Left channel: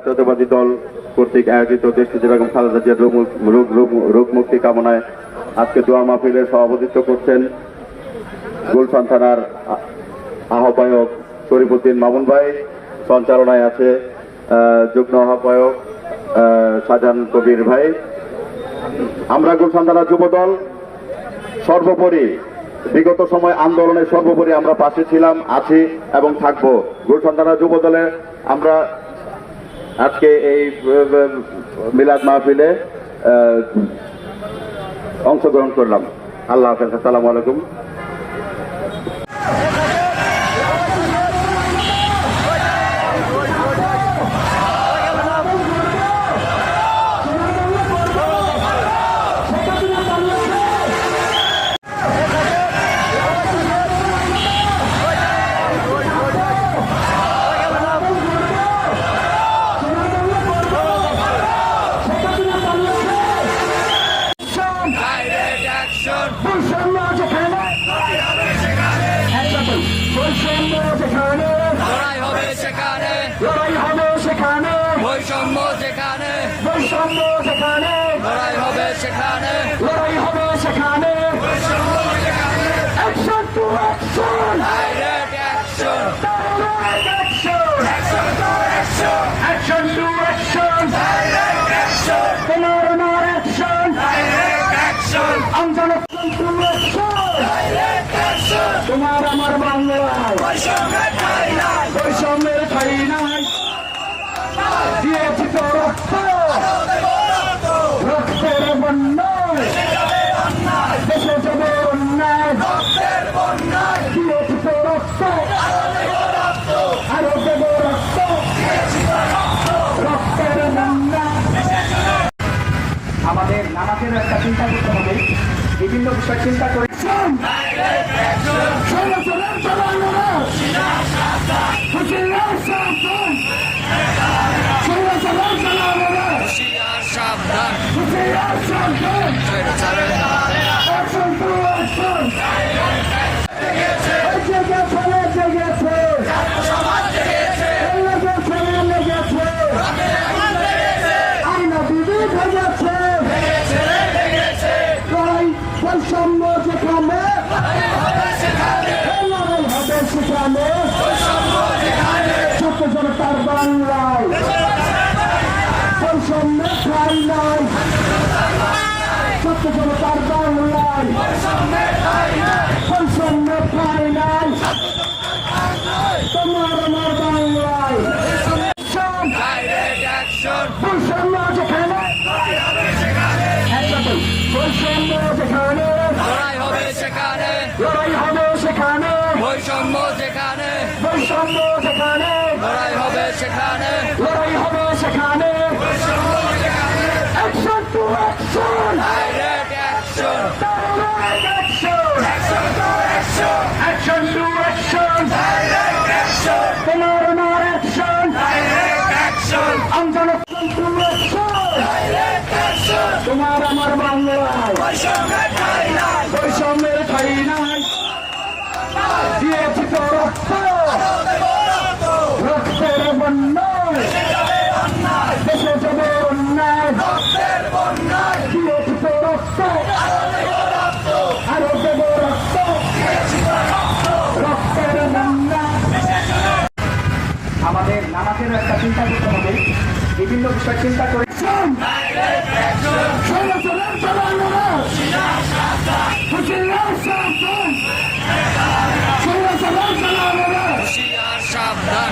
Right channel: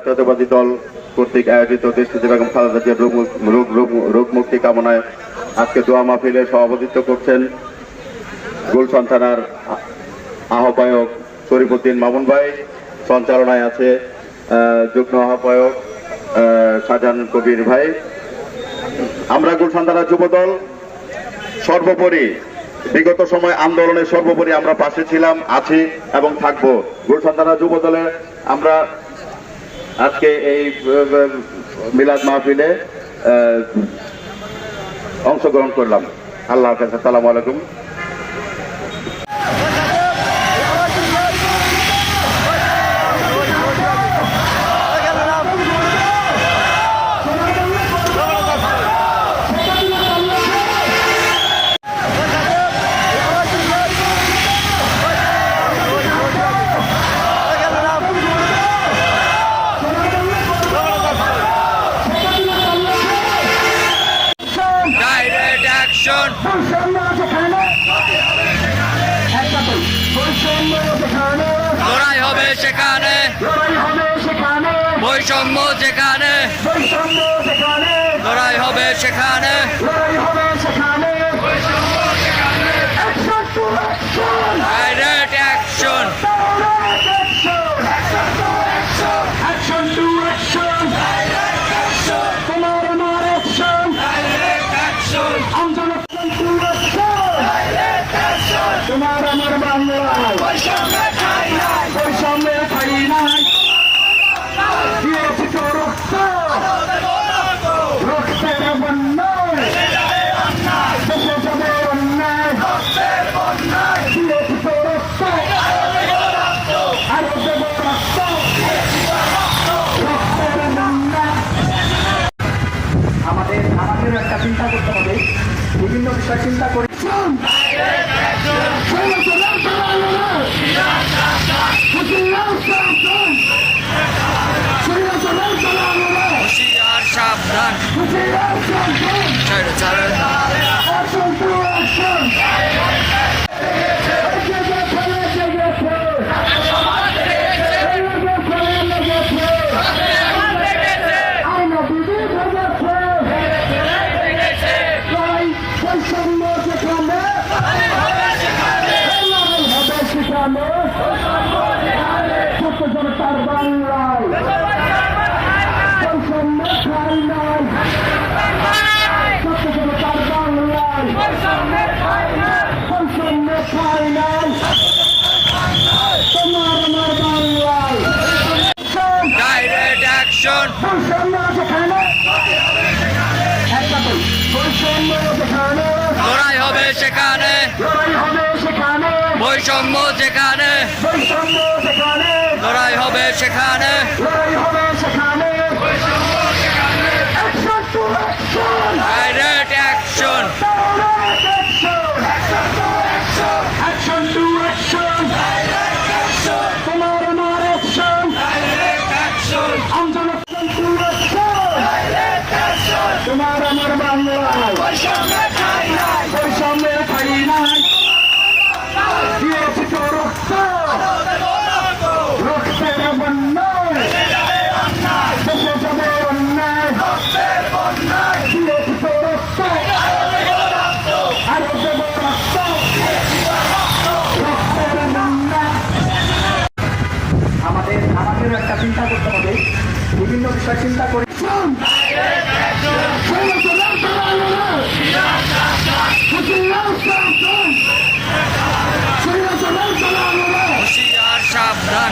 জাতীয়তাবাদী দল কর্তৃক আয়োজিত দেশনেত্রী বেগম খালেদা জিয়ার রোগ মুক্তি কামনায় আজকে দোয়া মাহফিলে সভাপতিত্ব করছেন গুলশান থানার আহ্বায়ক শরীফুদ্দিন মামুন ভাই। সঞ্চালনায় আছে যুগ্ম আহ্বায়ক শাহজাহান কবির ভাই। আমরা গুলশান থানা যুবদল সর্বোপরি বিগত সময় আন্দোলনের সর্বোপরি আমরা পাশে ছিলাম, আছি এবং থাকবো। গুলশান থানা যুবদলে আমরা আজকে এই মিলাদ মাহফিলে অংশগ্রহণ করলাম। আল্লাহ হাফেজ। আসসালামু আলাইকুম। লড়াই হবে সেখানে, বৈষম্য যেখানে, লড়াই হবে সেখানে। ডাইরেক্ট অ্যাকশন, তোমার আমার বাংলায় বৈষম্যে খাই নাই, দিয়েছি তো রক্ত, রক্তের বন্যায় দেশে যাবে অন্যায়, দিয়েছি তো রক্ত, আরো দেব রক্ত, রক্তের বন্যায়। আমাদের একটা চিন্তা করতে হবে, বিভিন্ন বিষয় চিন্তা করে হুঁশিয়ার সাবধান, জনতার বাংলায় বৈষম্য খাই নাই, সত্য জনতার বাংলায় বৈষম্য খাই নাই, তোমার আমার বাংলায় ডাইরেক্ট অ্যাকশন, বৈষম্য যেখানে, বৈষম্য যেখানে, লড়াই হবে সেখানে, বৈষম্য যেখানে, লড়াই হবে সেখানে। ডাইরেক্ট অ্যাকশন, তোমার আমার অ্যাকশন, তোমার আমার বাংলায় বৈষম্যে খাই নাই, দিয়েছি তো রক্ত, রক্তের বন্যায় দেশে যাবে অন্যায়, দিয়েছি তো রক্ত, আরো দেব রক্ত, রক্তের বন্যায়। আমাদের একটা চিন্তা করতে হবে, বিভিন্ন বিষয় চিন্তা করে হুঁশিয়ার সাবধান,